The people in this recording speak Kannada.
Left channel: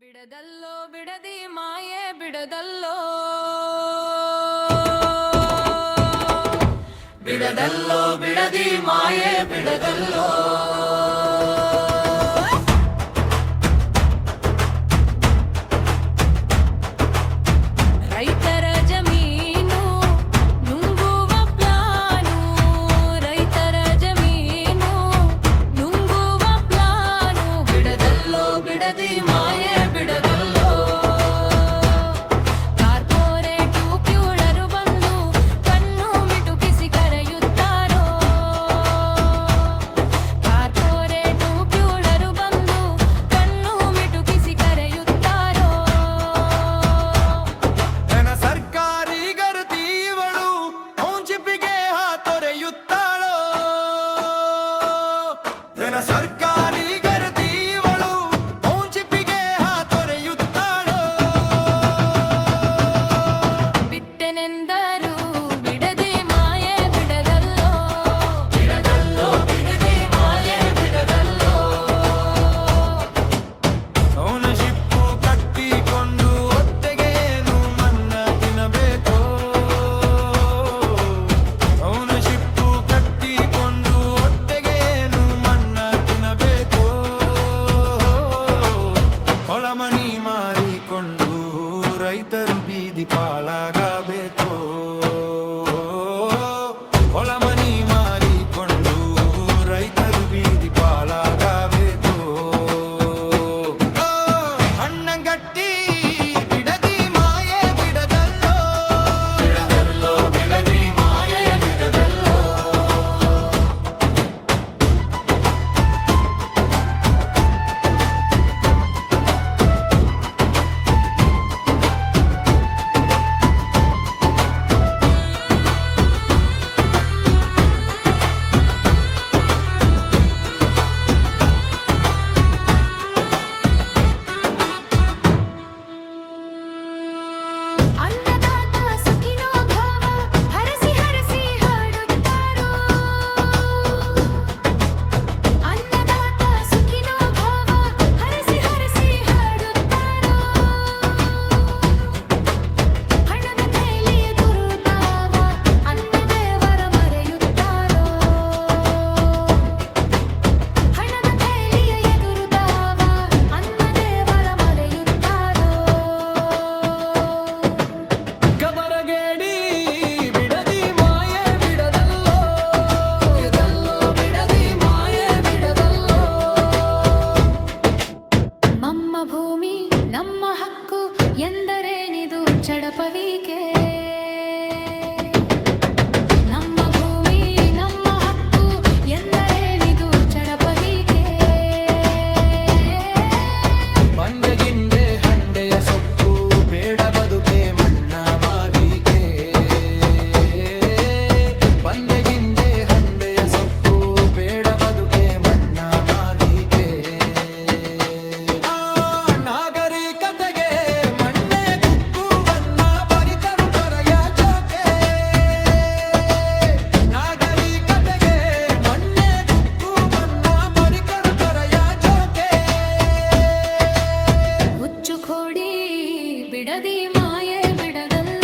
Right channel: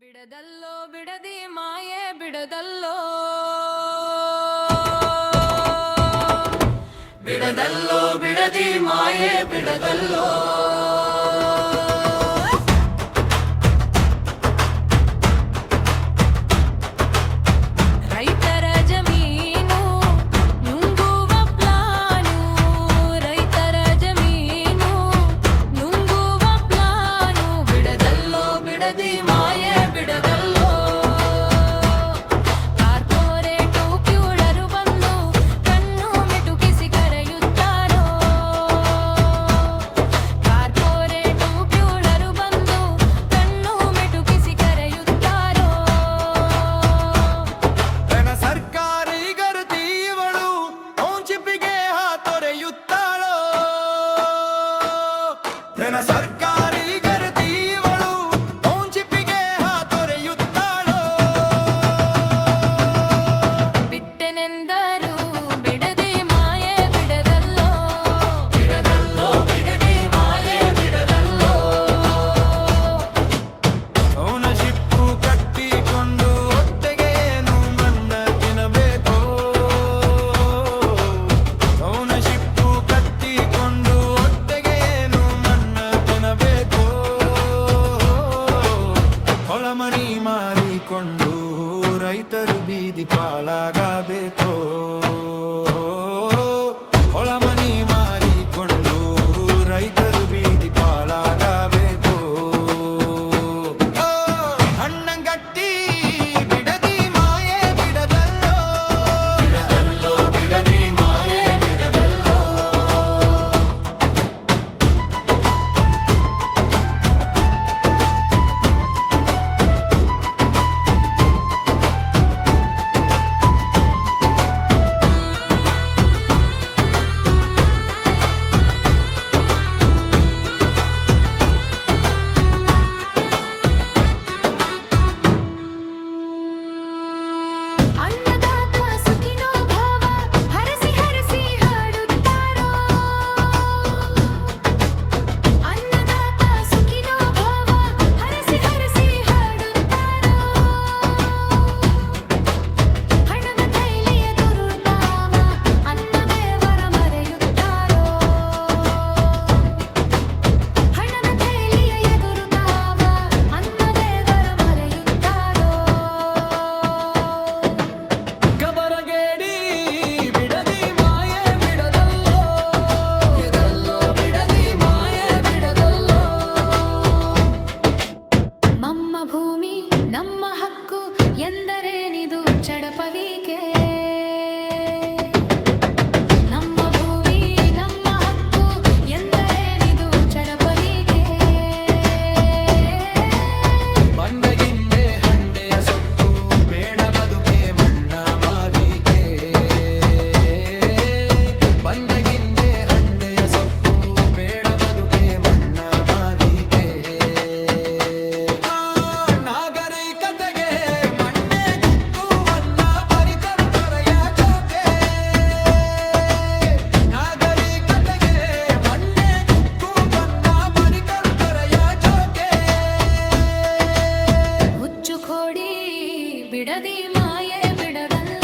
ಬಿಡದಲ್ಲೋ ಬಿಡದಿ ಮಾಯೆ ಬಿಡದಲ್ಲೋ ಬಿಡದಲ್ಲೋ ಬಿಡದಿ ಮಾಯೆ ಬಿಡದಲ್ಲೋ ರೈತರ ಜಮೀನು ನುಂಗುವ ಪ್ಲಾನು ರೈತರ ಜಮೀನು ನುಂಗುವ ಪ್ಲಾನು ಬಿಡದಲ್ಲೋ ಬಿಡದಿ ಮಾಯೆ ಬಿಡದಲ್ಲೋ ಕಾರ್ಪೊರೇಟು ಕ್ಯೂಳರು ಬಂದು ಕಣ್ಣು ಮಿಟುಕಿಸಿ ಕರೆಯುತ್ತಾರೋ ಕಾರ್ಪೊರೇಟು ಕ್ಯೂಳರು ಬಂದು ಕಣ್ಣು ಮಿಟುಕಿಸಿ ಕರೆಯುತ್ತಾರೋ ತನ್ನ ಸರ್ಕಾರಿ ಗರತಿವಳು ಟೌನ್ಶಿಪ್ಪಿಗೆ ಹಾತೊರೆಯುತ್ತಾಳೋ ತನ್ನ ಸರ್ಕಾರಿ ಗರತಿವಳು ಟೌನ್ಶಿಪ್ಪಿಗೆ ಹಾತೊರೆಯುತ್ತಾಳೋ ಬಿಟ್ಟೆನೆಂದರು ಬಿಡದಿ ಮಾಯೆ ಬಿಡದಲ್ಲೋ ಬಿಡದಲ್ಲೋ ಬಿಡದಿ ಮಾಯೆ ಬಿಡದಲ್ಲೋ ಟೌನ್ಶಿಪ್ಪು ಕಟ್ಟಿಕೊಂಡು ಹೊಟ್ಟೆಗೆ ಏನು ಮನ್ನ ತಿನ್ನಬೇಕೋ ಟೌನ್ಶಿಪ್ಪು ಕಟ್ಟಿಕೊಂಡು ಹೊಟ್ಟೆಗೆ ಏನು ಮನ್ನ ತಿನ್ನಬೇಕೋ ಹೊಳಮಣಿ ಮಾರಿಕೊಂಡು ರೈತರು ಬೀದಿ ಪಾಲಾಗಬೇಕೋ ಹೊಳಮಣಿ ಮಾರಿಕೊಂಡು ರೈತರು ಬೀದಿ ಪಾಲಾಗಬೇಕೋ ಹಣ್ಣಂಗಟ್ಟಿ ಬಿಡದಿ ಮಾಯೆ ಬಿಡದಲ್ಲೋ ಬಿಡದಲ್ಲೋ ಬಿಡದಿ ಮಾಯೆ ಬಿಡದಲ್ಲೋ ಅನ್ನದಾತ ಸುಖಿನೋ ಭವ ಹರಸಿ ಹರಸಿ ಹಾಡುತ್ತಾರೋ ಅನ್ನದಾತ ಸುಖಿನೋ ಭವ ಹರಸಿ ಹರಸಿ ಹಾಡುತ್ತಾರೋ ಹಣದ ಕೈಲಿಯ ದುರುತಾವ ಅನ್ನದೇವರ ಮರೆಯುತ್ತಾರೋ ಹಣದ ಕೈಲಿಯ ಎದುರುತಾವ ಅನ್ನದೇವರ ಮರೆಯುತ್ತಾರೋ ಕಬರಗೇಡಿ ಬಿಡದಿ ಮಾಯೆ ಬಿಡದಲ್ಲೋ ಬಿಡದಲ್ಲೋ ಬಿಡದಿ ಮಾಯೆ ಬಿಡದಲ್ಲೋ ನಮ್ಮ ಭೂಮಿ ನಮ್ಮ ಹಕ್ಕು ಎಂದರೇನಿದು ಚಡಪವಿಕೆ ನಮ್ಮ ಭೂಮಿ ನಮ್ಮ ಹಕ್ಕು ಎಂದರೇನಿದು ಚಡಪವಿಕೆ ಬಂಡೆಗಿಂಡೆ ಹಂಡೆಯ ಸೊಪ್ಪು ಬೇಡ ಬದುಕೆ ಮಣ್ಣ ಮಾವಿಗೆ ಬಂಡೆಗಿಂಡೆ ಹಂಡೆಯ ಸೊಪ್ಪು ಬೇಡ ಬದುಕೆ ಮಣ್ಣ ಮಾವಿಗೆ ನಾಗರಿಕತೆಗೆ ಮಣ್ಣೆ ಗುಕ್ಕುವನ್ನ ಬರಿತರು ತೊರೆಯ ಜೋಕೆ ನಾಗರಿಕತೆಗೆ ಮಣ್ಣೆ ಗುಕ್ಕುವನ್ನ ಬರಿತರು ತೊರೆಯ ಜೋಕೆ ಹುಚ್ಚು ಕೋಡಿ ಬಿಡದಿ ಮಾಯೆ ಬಿಡದಲ್ಲ